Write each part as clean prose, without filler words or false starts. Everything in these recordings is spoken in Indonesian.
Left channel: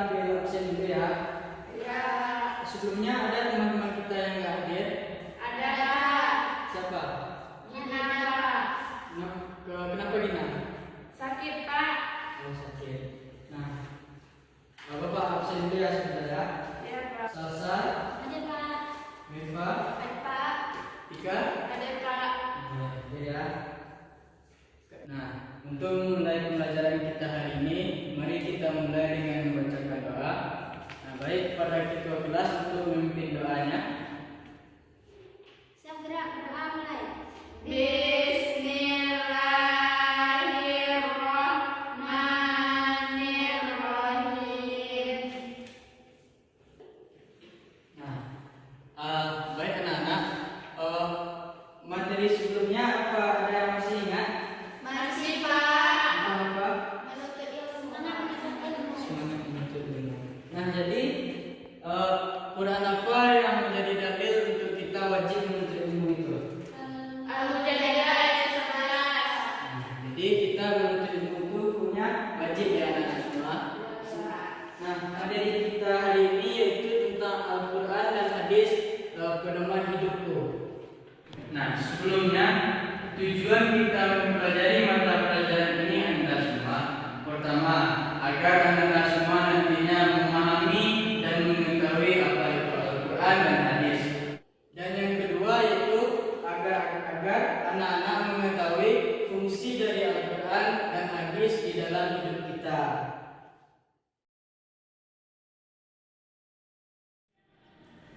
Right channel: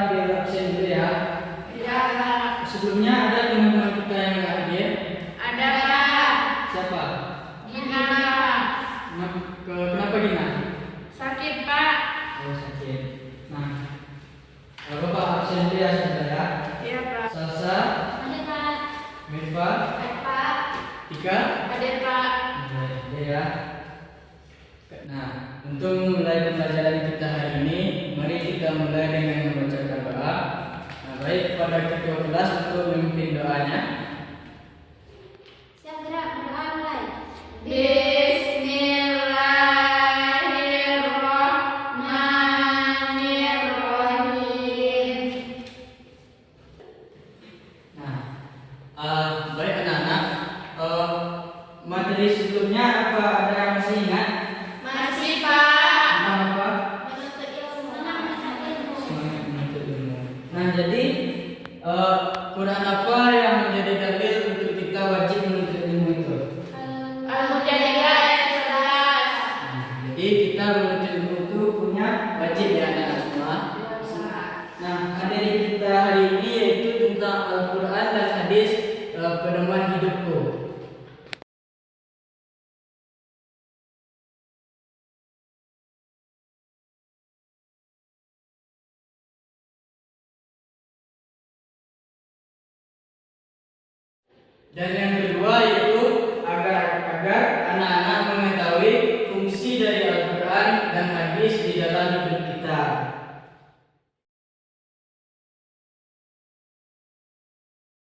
ambil absen dulu ya. Iya, Pak. Sebelumnya ada teman-teman kita yang nggak hadir. Ada, Pak. Siapa? Gina, Pak. Kenapa Gina? Sakit, Pak. Oh, sakit. Nah, Bapak absen dulu ya sebentar ya. Iya, Pak. Salsa, Ada, Pak. Mirva, Ada, Pak. Tika. Ada, Pak. Oke, ya. Nah, untuk mulai pembelajaran kita hari ini, mari kita mulai dengan membacakan doa. Nah, baik pada ketua kelas untuk memimpin doanya. Siap gerak, berdoa mulai. Bismillahirrahmanirrahim. Nah, baik anak-anak, materi sebelumnya apa ada yang masih ingat? Masih, Pak. Tentang apa? Menuntut ilmu. Menuntut ilmu. Semangat menuntut ilmu. Nah, jadi Quran apa yang menjadi dalil untuk kita wajib menuntut ilmu itu? Al-Mujadilah ayat 11. Nah, jadi kita menuntut ilmu itu punya wajib ya anak-anak semua. Nah, materi kita hari ini yaitu tentang Al-Quran dan hadis pedoman hidupku. Nah, sebelumnya tujuan kita mempelajari mata pelajaran ini adalah semua. Pertama, agar anak-anak semua nantinya memahami dan mengetahui apa itu Al-Quran dan hadis. Dan yang kedua yaitu agar anak-anak mengetahui fungsi dari Al-Quran dan hadis di dalam hidup kita.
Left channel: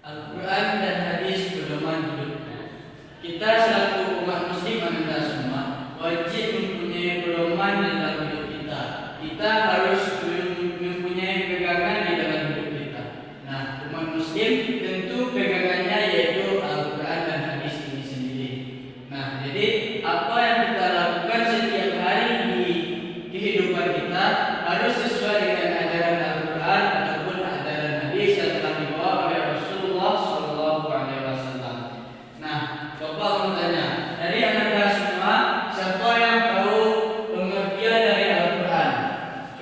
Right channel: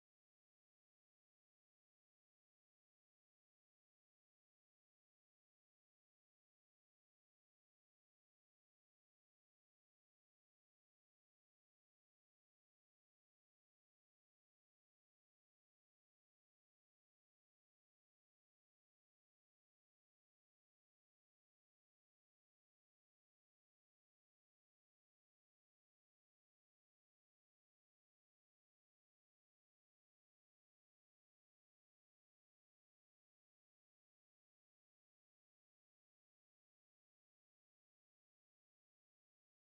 Al-Quran dan hadis pedoman hidupnya. Kita selaku umat muslim anda semua wajib mempunyai pedoman dalam hidup kita. Kita harus mempunyai pegangan di dalam hidup kita. Nah, umat muslim tentu pegangannya yaitu Al-Quran dan hadis ini sendiri. Nah, jadi apa yang kita lakukan setiap hari di kehidupan kita harus sesuai dengan ajaran Al-Quran ataupun ajaran hadis yang telah dibawa oleh Rasulullah SAW. Nah, Bapak mau tanya, dari anak-anak semua siapa yang tahu pengertian dari Al-Quran?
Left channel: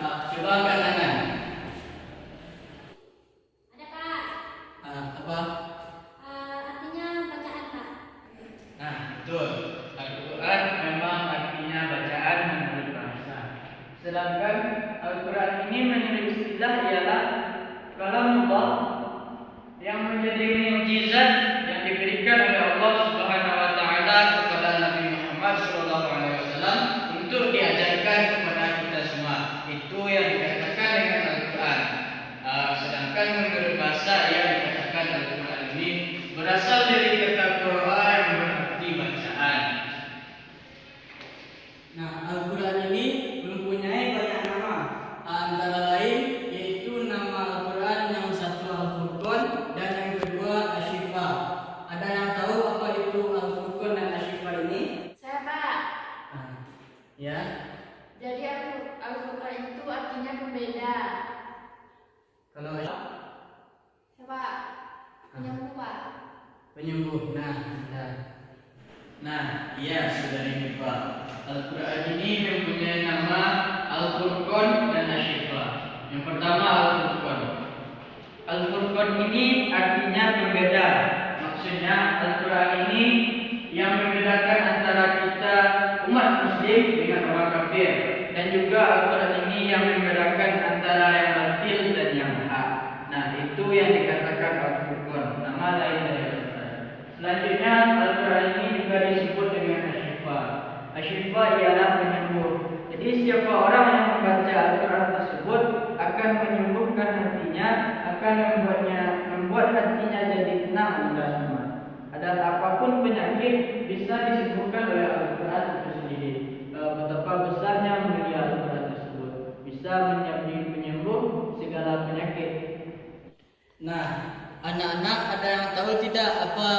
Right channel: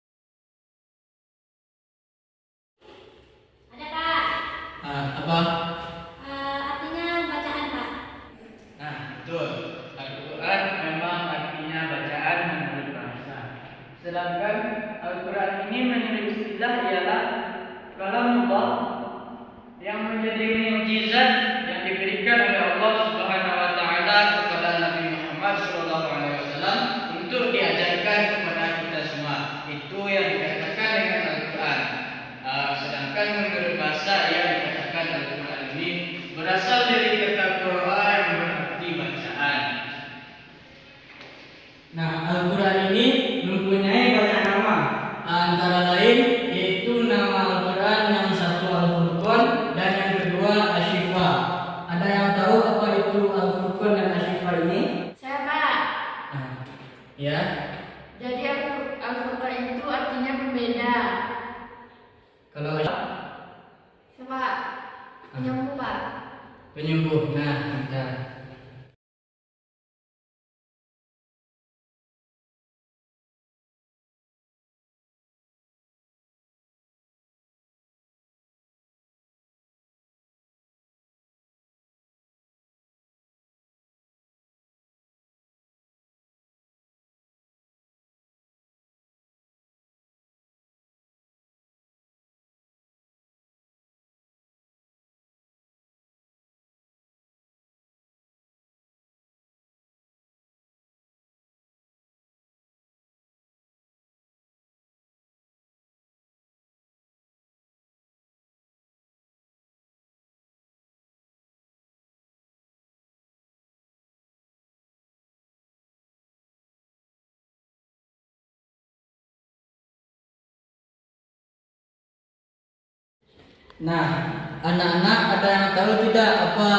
Nah, coba angkat tangan. Ada, Pak. Apa? Artinya bacaan, Pak. Nah, betul. Al-Quran memang artinya bacaan menurut bahasa. Sedangkan Al-Quran ini menurut istilah ialah kalamullah yang menjadi mukjizat yang diberikan oleh Allah Subhanahu wa taala kepada Nabi Muhammad SAW untuk diajarkan kepada kita semua. Itu yang dikatakan dengan Al-Quran. Sedangkan menurut bahasa yang dikatakan Al-Quran ini berasal dari kata Qur'an yang berarti bacaan. Nah, Al-Quran ini mempunyai banyak nama. Antara lain yaitu nama Al-Quran yang satu Al-Furqan dan yang kedua Asy-Syifa. Ada yang tahu apa itu Al-Furqan dan Asy-Syifa ini? Saya, Pak. Nah, ya. Jadi Al-Furqan itu artinya pembeda. Kalau Pak. Penyembuh, Pak. penyembuh. Nah, bentar. Nah, iya saudari Mifa. Al-Quran ini mempunyai nama Al-Furqan dan Asy-Syifa. Yang pertama Al-Furqan. Al-Furqan ini artinya pembeda. Maksudnya Al-Quran ini yang membedakan antara kita umat muslim dengan orang kafir, dan juga Al-Quran ini yang membedakan antara yang batil dan yang hak. Nah, itu yang dikatakan Al-Furqan, nama lain dari Al-Quran. Selanjutnya Al-Quran ini juga disebut dengan Asy-Syifa. Asy-Syifa ialah penyembuh. Jadi siapa orang yang membaca Al-Quran tersebut akan menyembuhkan hatinya, akan membuat hatinya jadi tenang dan semua. Dan apapun penyakit bisa disembuhkan oleh Al-Quran itu sendiri. Betapa besarnya mulia Al-Quran tersebut, bisa menjadi penyembuh segala penyakit. Nah, anak-anak ada yang tahu tidak apa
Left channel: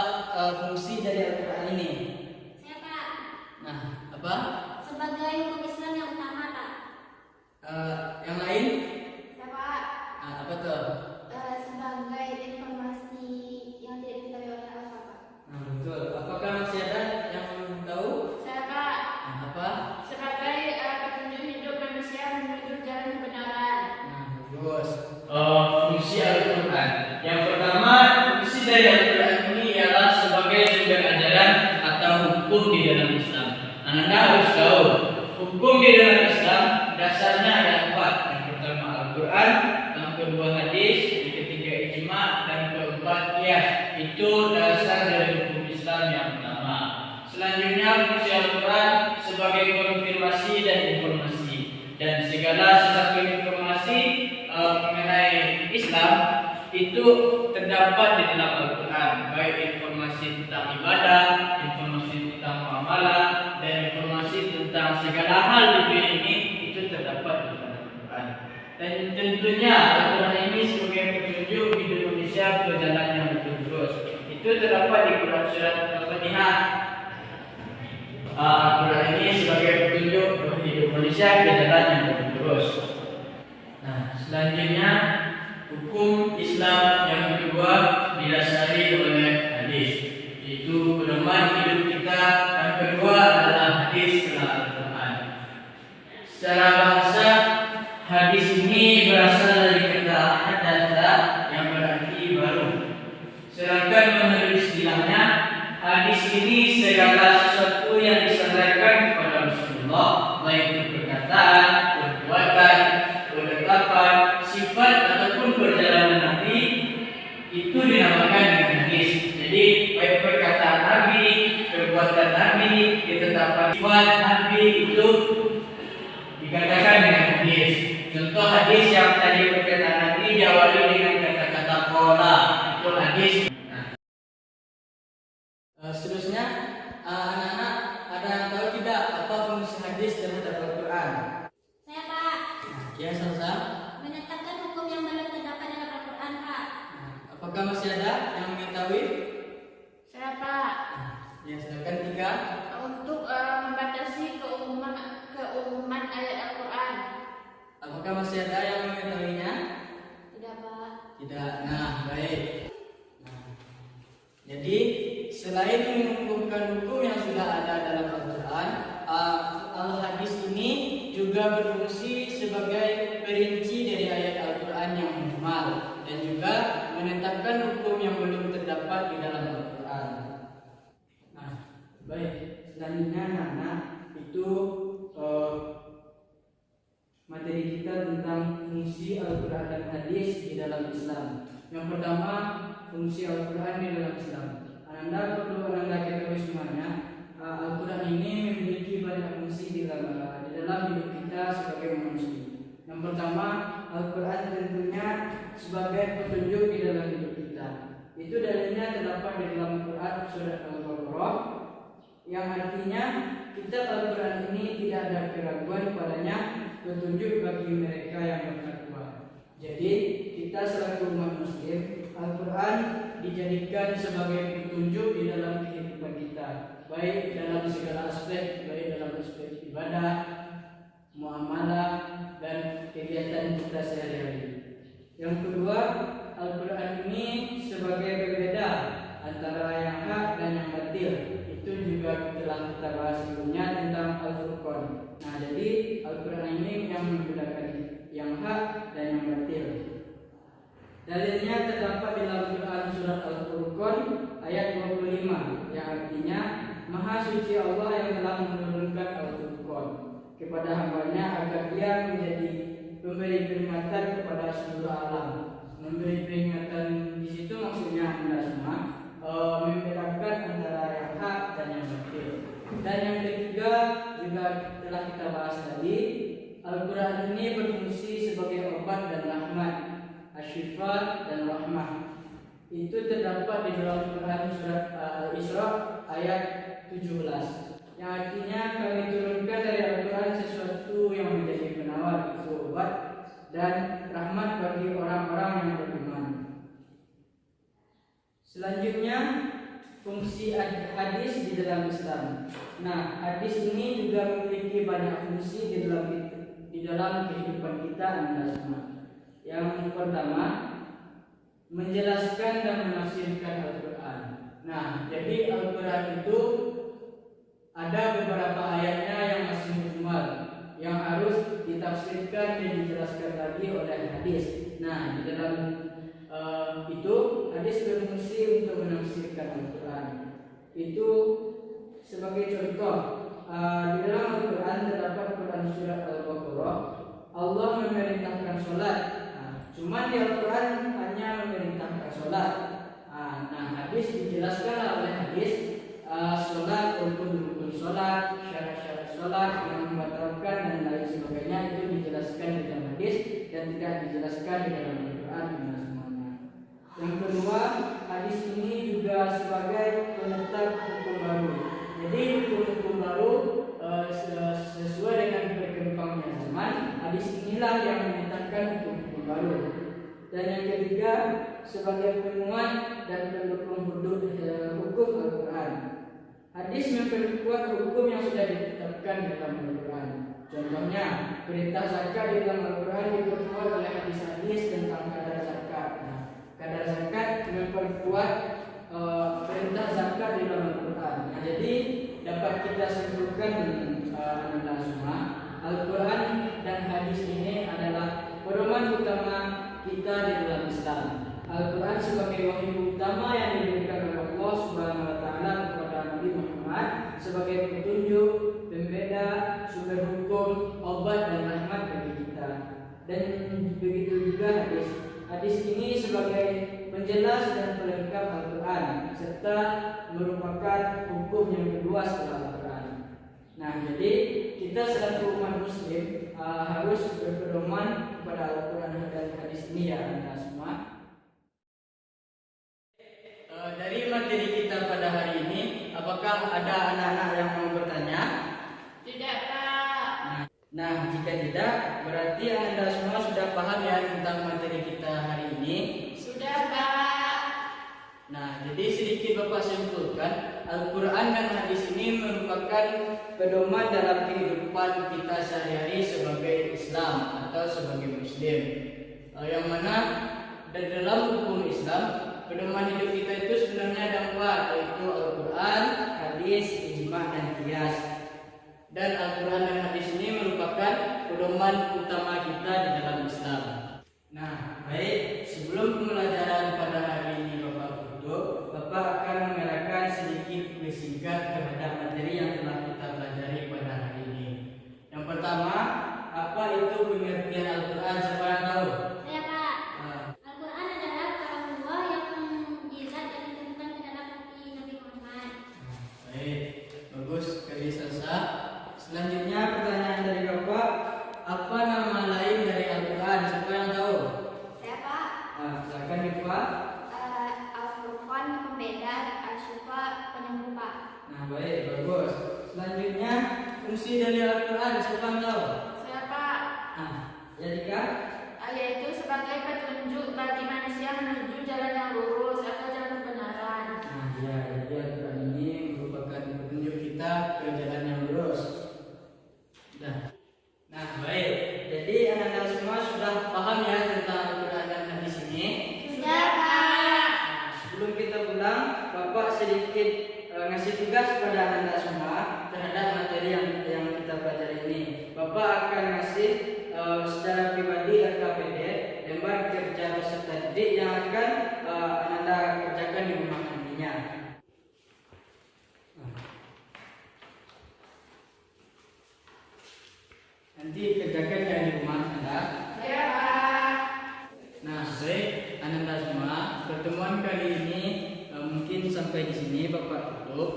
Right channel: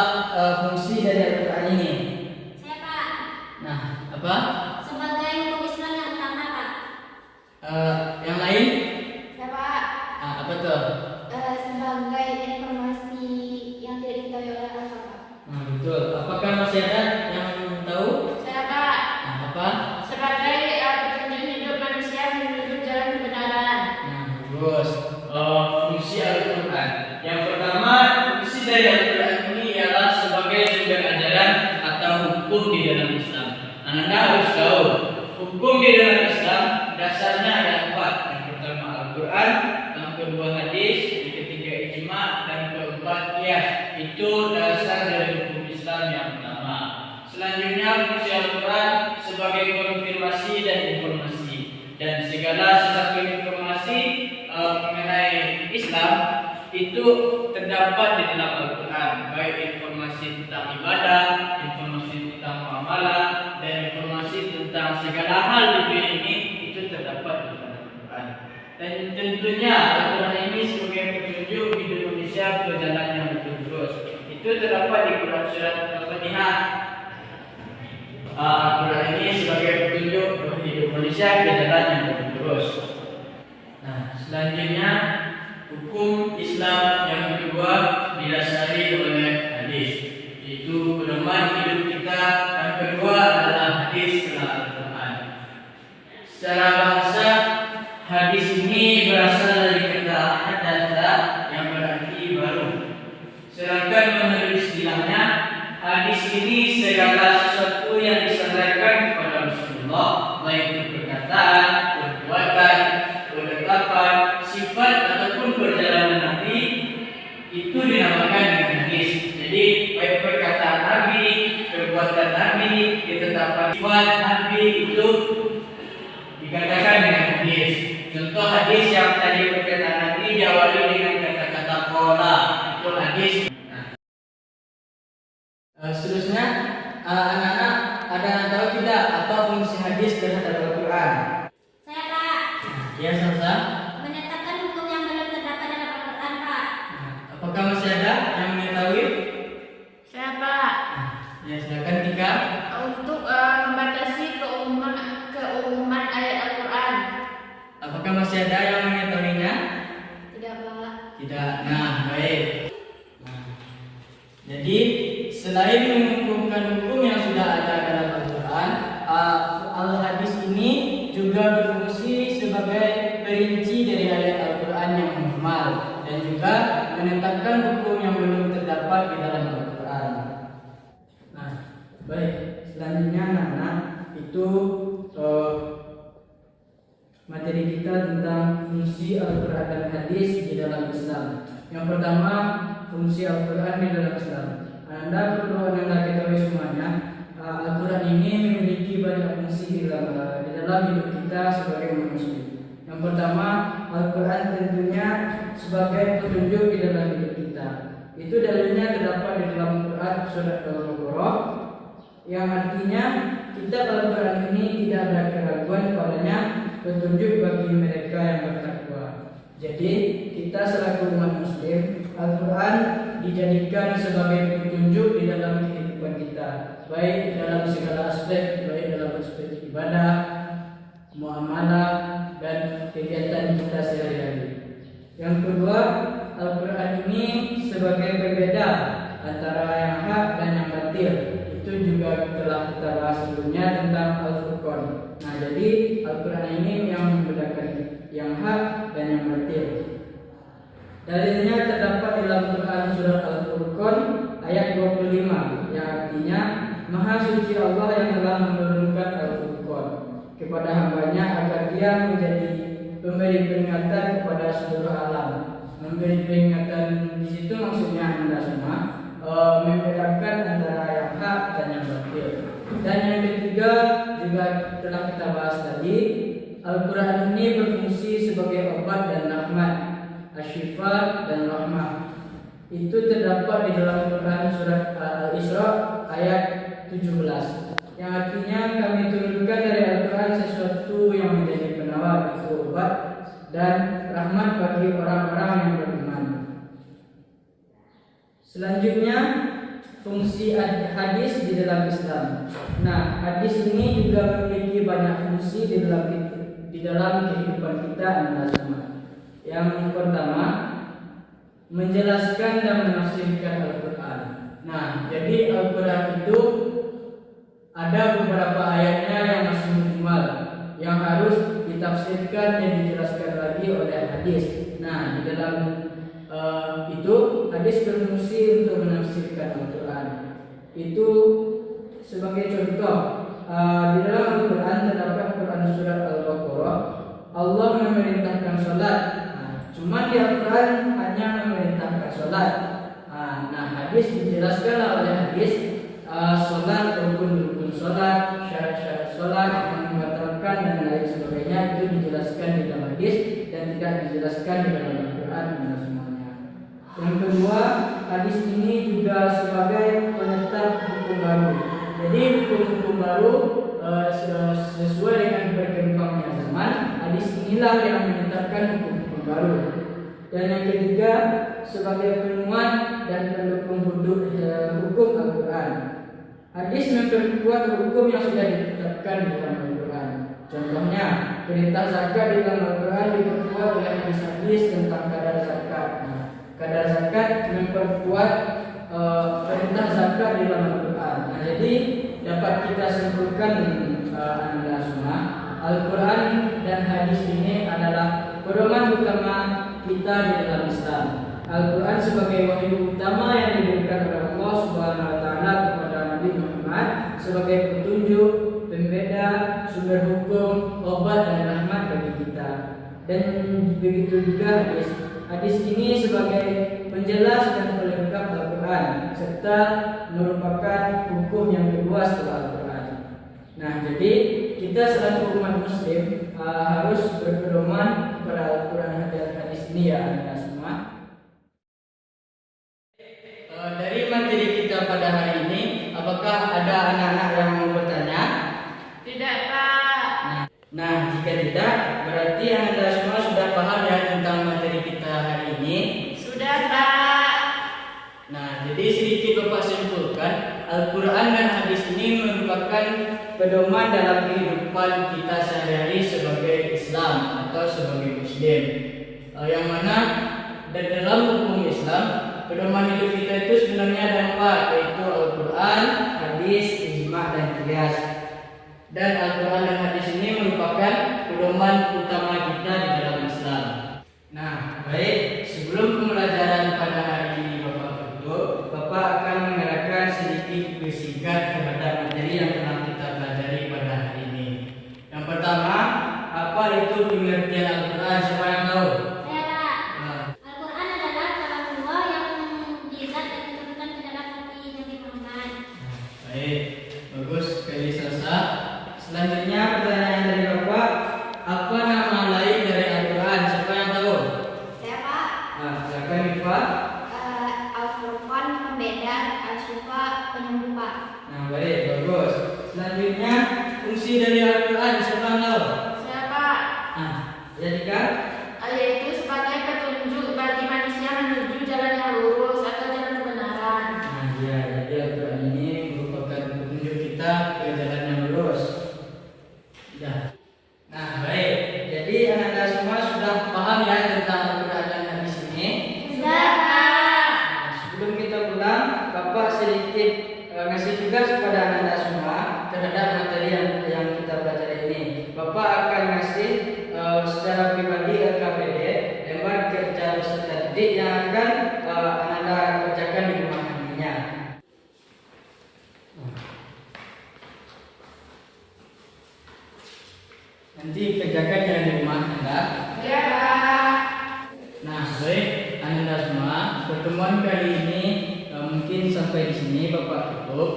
fungsi dari Al-Quran ini? Saya, Pak. Nah, apa? Sebagai hukum Islam yang utama, Pak. Yang lain? Saya, Pak. Apa tuh? Sebagai informasi yang tidak diketahui oleh Al-Quran, Pak. Nah, betul. Apakah masih ada yang tahu? Saya, Pak. Nah, apa? Sebagai petunjuk hidup manusia menuju jalan kebenaran. Nah, bagus. fungsi Al-Quran. Yang pertama, fungsi dari Al-Quran ini ialah sebagai sumber ajaran atau hukum di dalam Islam. Anda harus tahu, hukum di dalam Islam dasarnya ada 4. Yang pertama Al-Quran, yang kedua hadis, yang ketiga ijma, dan keempat qiyas. Itu dasar dari hukum Islam yang pertama. Selanjutnya fungsi Al-Quran sebagai konfirmasi dan informasi, dan segala sesuatu informasi mengenai Islam itu terdapat di dalam Al-Quran, baik informasi tentang ibadah, informasi tentang muamalah, dan informasi tentang segala hal di dunia ini itu terdapat di dalam Al-Quran. Dan tentunya Al-Quran ini sebagai petunjuk hidup Indonesia ke jalan yang lurus. Itu terdapat di Quran surat Al-Fatihah. Al-Quran ini sebagai petunjuk hidup manusia ke jalan yang lurus. Nah, selanjutnya hukum Islam yang kedua didasari oleh hadis, yaitu pedoman hidup kita. Yang kedua adalah hadis setelah Al-Quran. Secara bahasa, hadis ini berasal dari kata hadatsa yang berarti baru. Sedangkan menurut istilahnya, hadis ini segala sesuatu yang disampaikan kepada Rasulullah, baik itu perkataan, perbuatan, penetapan, sifat ataupun perjalanan Nabi, itu dinamakan dengan hadis. Jadi baik perkataan Nabi, perbuatan Nabi, ketetapan sifat Nabi itu dikatakan dengan hadis. Contoh hadis yang tadi perkataan Nabi diawali dengan kata-kata qala, itu hadis. Seterusnya, anak-anak ada yang tahu tidak apa fungsi hadis terhadap Al-Quran? Saya, Pak. Ya, sama-sama. Menetapkan hukum yang belum terdapat dalam Al-Quran, Pak. Apakah masih ada yang mengetahui? Saya, Pak. Ya, silakan Tika. Untuk membatasi keumuman ayat Al-Quran. Apakah masih ada yang mengetahuinya? Tidak, Pak. Tidak. Nah, baik. Jadi selain menghukumkan hukum yang sudah ada dalam Al-Quran, Al-Hadis ini juga berfungsi sebagai perinci dari ayat Al-Quran yang mujmal, dan juga menetapkan hukum yang belum terdapat di dalam Al-Quran. Nah, baik. Selanjutnya, anak-anak, itu materi kita tentang fungsi Al-Quran dan hadis di dalam Islam. Yang pertama, fungsi Al-Quran di dalam Islam. Anda perlu ketahui semuanya, Al-Quran ini memiliki banyak fungsi di dalam hidup kita sebagai manusia. Yang pertama, Al-Quran tentunya sebagai petunjuk di dalam hidup kita. Itu dalilnya terdapat di dalam Quran surat Al-Baqarah, yang artinya kitab Al-Quran ini tidak ada keraguan padanya, petunjuk bagi mereka yang bertakwa. Jadi kita selaku umat Muslim, Al-Quran dijadikan sebagai petunjuk di dalam kehidupan kita, baik dalam segala aspek, baik dalam aspek ibadah, muamalah, dan kegiatan kita sehari-hari. Yang kedua, Al-Quran ini sebagai pembeda antara yang hak dan yang batil. Itu juga telah kita bahas sebelumnya tentang Al-Furqan. Nah, jadi Al-Quran ini yang membedakan yang hak dan yang batil. Dalilnya terdapat dalam Quran surat Al-Furqan ayat 25, yang artinya Maha suci Allah yang telah menurunkan Al-Furqan kepada hambanya agar dia menjadi pemberi peringatan kepada seluruh alam. Memberi peringatan di situ maksudnya Anda semua membedakan antara yang hak dan yang batil. Dan yang ketiga juga telah kita bahas tadi, Al-Quran ini berfungsi sebagai obat dan rahmat, asyifa dan rahmah. Itu terdapat di dalam Quran surat Al-Isra ayat 17, yang artinya kami turunkan dari Al-Quran sesuatu yang menjadi penawar, itu obat dan rahmat bagi orang-orang yang beriman. Selanjutnya, fungsi hadis di dalam Islam. Nah, hadis ini juga memiliki banyak fungsi di dalam kehidupan kita Anda semua. Yang pertama, menjelaskan dan menafsirkan Al-Quran. Nah, jadi Al-Quran itu ada beberapa ayatnya yang masih mujmal, yang harus ditafsirkan dan dijelaskan lagi oleh hadis. Nah, di dalam itu hadis berfungsi untuk menafsirkan Al-Quran. Itu sebagai contoh, di dalam Al-Quran terdapat Quran surat Al-Baqarah, Allah memerintahkan sholat. Cuma di Al-Quran hanya memerintahkan sholat. Nah, hadis dijelaskan oleh hadis sholat, rukun-rukun sholat, syarat-syarat sholat, yang membatalkan dan lain sebagainya itu dijelaskan di dalam hadis dan tidak dijelaskan di dalam Al-Quran semuanya. Yang kedua, hadis ini juga sebagai penetap hukum baru. Jadi hukum-hukum baru sesuai dengan berkembangnya zaman, hadis inilah yang menetapkan hukum-hukum baru. Dan yang ketiga, sebagai penguat dan pendukung hukum Al-Quran. Hadis memperkuat hukum yang sudah ditetapkan di dalam Al-Quran. Contohnya, perintah zakat di dalam Al-Quran diperkuat oleh hadis-hadis tentang kadar zakat. Kadar zakat memperkuat perintah zakat di dalam Al-Quran. Jadi dapat kita simpulkan anda semua, Al-Quran dan hadis ini adalah pedoman utama kita di dalam Islam. Al-Quran sebagai wahyu utama yang diberikan oleh Allah Subhanahu wa taala kepada Nabi Muhammad sebagai petunjuk, pembeda, sumber hukum, obat dan rahmat bagi kita. Dan begitu juga hadis ini sebagai penjelas dan pelengkap Al-Quran serta merupakan hukum yang kedua setelah Al-Quran. Nah, jadi kita selaku umat muslim harus berpedoman kepada Al-Quran dan hadis ini ya anda semua. Dari materi kita pada hari ini, apakah ada anak-anak yang mau bertanya? Tidak, Pak. Nah, jika tidak, berarti anda semua sudah paham ya tentang materi kita hari ini. Sudah, Pak. Nah, jadi sedikit Bapak simpulkan, Al-Quran dan hadis ini merupakan pedoman dalam kehidupan kita sehari-hari sebagai Islam atau sebagai Muslim. Yang mana dalam hukum Islam, pedoman hidup kita itu sebenarnya ada 4, yaitu Al-Quran, hadis, ijma' dan qiyas. Dan Al-Quran dan hadis ini merupakan pedoman utama kita di dalam Islam. Nah, baik, sebelum pembelajaran pada hari ini Bapak akan mengerahkan sedikit singkat terhadap materi yang telah kita pelajari pada hari ini. Yang pertama, apa itu pengertian Al-Quran? Siapa yang tahu? Saya, Pak. Al-Quran adalah kalam Allah yang mukjizat dan diturunkan ke dalam hati Nabi Muhammad. Baik, bagus sekali Sasa. Selanjutnya pertanyaan dari Bapak, apa nama lain dari Al-Quran? Siapa yang tahu? Saya, Pak. Silakan Pak. Al-Furqan pembeda, Al-Syifa penyembuh, Pak. Nah, baik, bagus. Selanjutnya, fungsi dari Al-Quran siapa yang tahu? Saya, Pak. Jadikan Yaitu sebagai petunjuk bagi manusia menuju jalan yang lurus atau jalan kebenaran. ya, jadi Al-Quran ini merupakan petunjuk kita ke jalan yang lurus. Nah, baik. Jadi anak-anak semua sudah paham ya tentang Al-Quran dan hadis ini? Sudah, Pak. Sebelum kita pulang, Bapak sedikit ngasih tugas kepada anak-anak semua terhadap materi yang kita pelajari ini. Bapak akan ngasih secara pribadi LKPD, lembar kerja peserta didik yang akan anak-anak kerjakan di rumah nantinya. Nanti kerjakan yang di rumah Anda. Ya, Pak. Nah, baik Anda semua, pertemuan kali ini mungkin sampai di sini Bapak tutup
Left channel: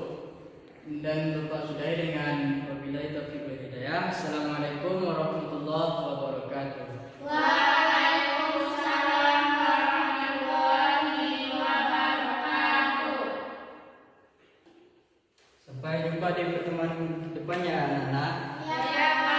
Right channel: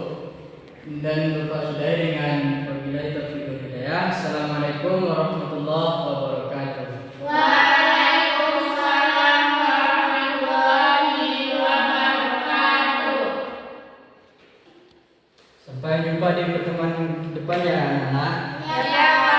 dan Bapak sudahi dengan wabillahi taufiq wal hidayah. Assalamualaikum warahmatullahi wabarakatuh. Waalaikumsalam warahmatullahi wabarakatuh. Sampai jumpa di pertemuan depan ya anak-anak. Ya, Pak.